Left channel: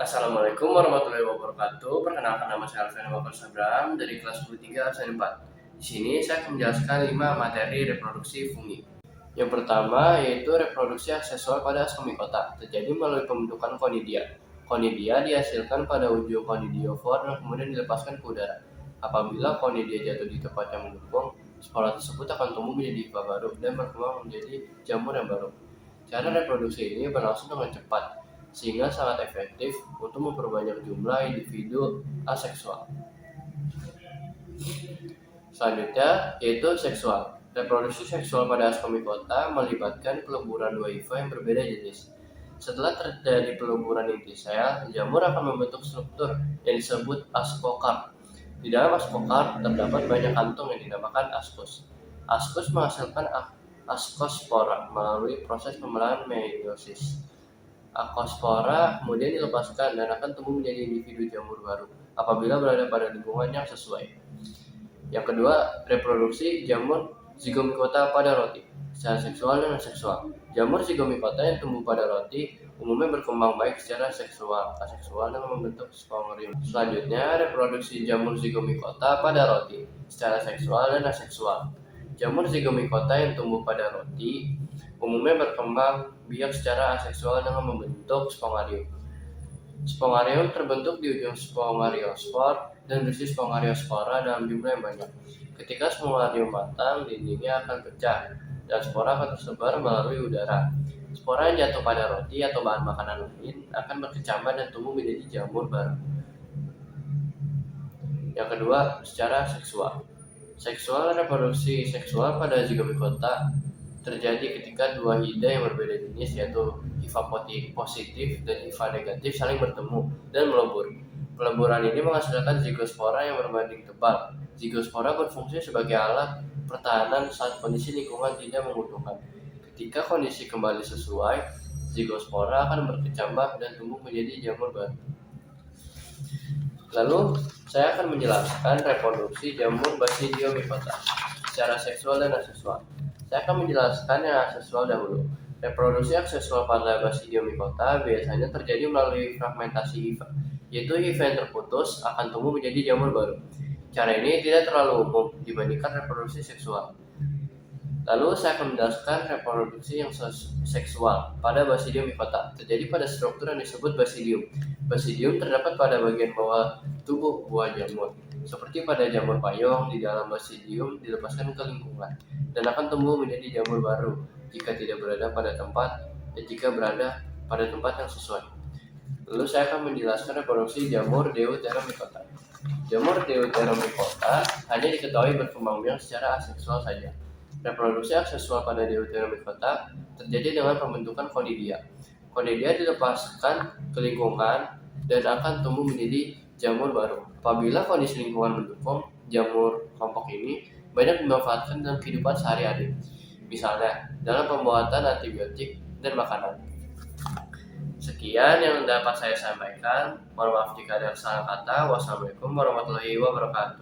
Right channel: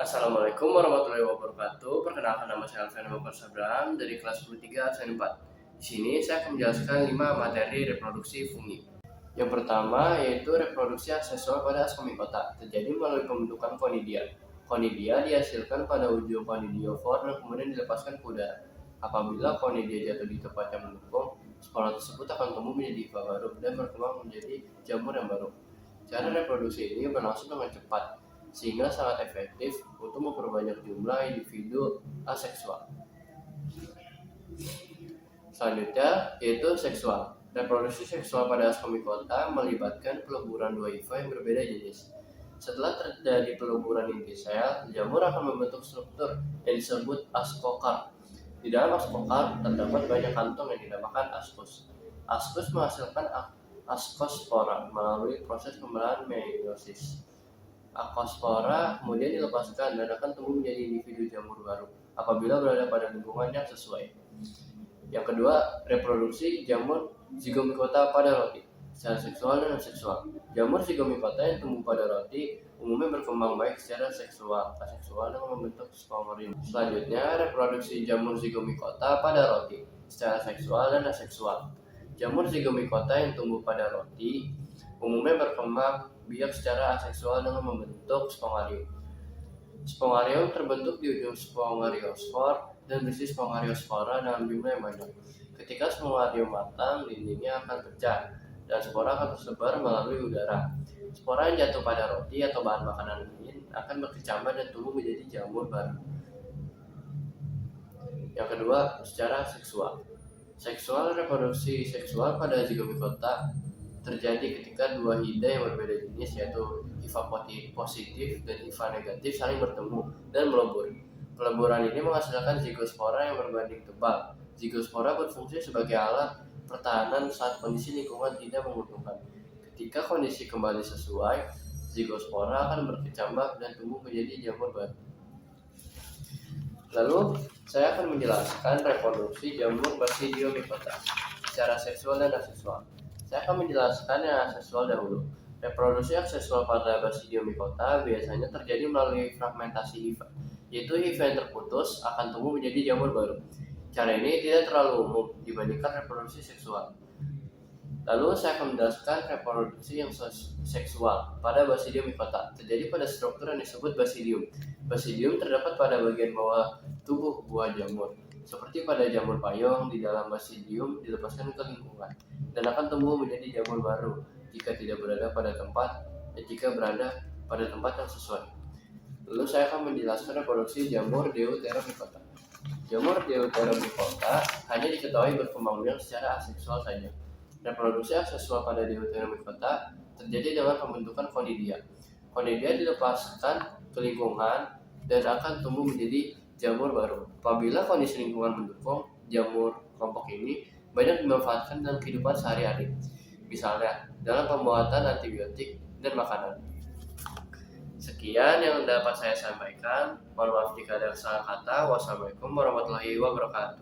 Assalamualaikum warahmatullahi wabarakatuh. Perkenalkan, nama saya Alfian Wakil Sabram dari kelas 10 absen 4. Di sini saya akan menjelaskan 5 materi reproduksi fungi. Yang pertama yaitu reproduksi aksesual pada ascomycota, terjadi melalui pembentukan conidia. Conidia dihasilkan pada ujung conidiofor dan kemudian dilepaskan ke udara. Apabila conidia jatuh di tempat yang mendukung, spora tersebut akan tumbuh menjadi hifa baru dan berkembang menjadi jamur yang baru. Cara reproduksi ini berlangsung dengan cepat, sehingga sangat efektif untuk memperbanyak jumlah individu aseksual. Selanjutnya yaitu seksual. Reproduksi seksual pada ascomycota melibatkan peleburan dua hifa yang berbeda jenis. Setelah terjadi peleburan inti sel, jamur akan membentuk struktur yang disebut ascocarp. Di dalam ascocarp terdapat banyak kantung yang dinamakan ascus. Ascus menghasilkan ascospora melalui proses pembelahan meiosis. Ascospora kemudian dilepaskan dan akan tumbuh menjadi individu jamur baru apabila berada pada lingkungan yang sesuai. Yang kedua, reproduksi jamur zygomicota pada roti, secara seksual dan aseksual. Jamur zygomicota yang tumbuh pada roti umumnya berkembang baik secara aseksual dengan membentuk spongorium. Selanjutnya, reproduksi jamur zygomicota pada roti, secara seksual dan aseksual. Jamur zygomicota yang tumbuh pada roti umumnya berkembang biak secara aseksual dengan membentuk spongarium. Spongarium terbentuk di ujung spongariospor dan berisi spongariospora dalam jumlah yang banyak. Ketika spongarium matang, dindingnya akan pecah dan spora akan tersebar melalui udara. Spora yang jatuh pada roti atau bahan makanan lain akan berkecambah dan tumbuh menjadi jamur baru. Yang kedua, secara seksual. Seksual reproduksi seksual pada zygomicota terjadi ketika dua hida yang berbeda jenis, yaitu hifa positif dan hifa negatif, saling bertemu dan melebur. Peleburan ini menghasilkan zigospora yang berbanding tebal. Zigospora berfungsi sebagai alat pertahanan saat kondisi lingkungan tidak menguntungkan. Ketika kondisi kembali sesuai, zigospora akan berkecambah dan tumbuh menjadi jamur baru. Lalu, saya akan menjelaskan reproduksi jamur Basidiomycota secara seksual dan aseksual. Saya akan menjelaskan yang aseksual dahulu. Reproduksi aksesual pada Basidiomycota biasanya terjadi melalui fragmentasi hifa, yaitu hifa yang terputus akan tumbuh menjadi jamur baru. Cara ini tidak terlalu umum dibandingkan reproduksi seksual. Lalu saya akan menjelaskan reproduksi yang seksual pada Basidiomycota, terjadi pada struktur yang disebut basidium. Basidium terdapat pada bagian bawah tubuh buah jamur. Seperti pada jamur payung, di dalam basidium dilepaskan ke lingkungan dan akan tumbuh menjadi jamur baru jika tidak berada pada tempat yang sesuai. Lalu saya akan menjelaskan reproduksi jamur Deuteromycota. Jamur Deuteromycota hanya diketahui berkembang biak secara aseksual saja. Reproduksi aksesual pada Deuteromycota terjadi dengan pembentukan conidia. Conidia dilepaskan ke lingkungan dan akan tumbuh menjadi jamur baru. Apabila kondisi lingkungan mendukung, jamur kelompok ini banyak dimanfaatkan dalam kehidupan sehari-hari, misalnya dalam pembuatan antibiotik dan makanan. Sekian yang dapat saya sampaikan. Mohon maaf jika ada salah kata. Wassalamualaikum warahmatullahi wabarakatuh.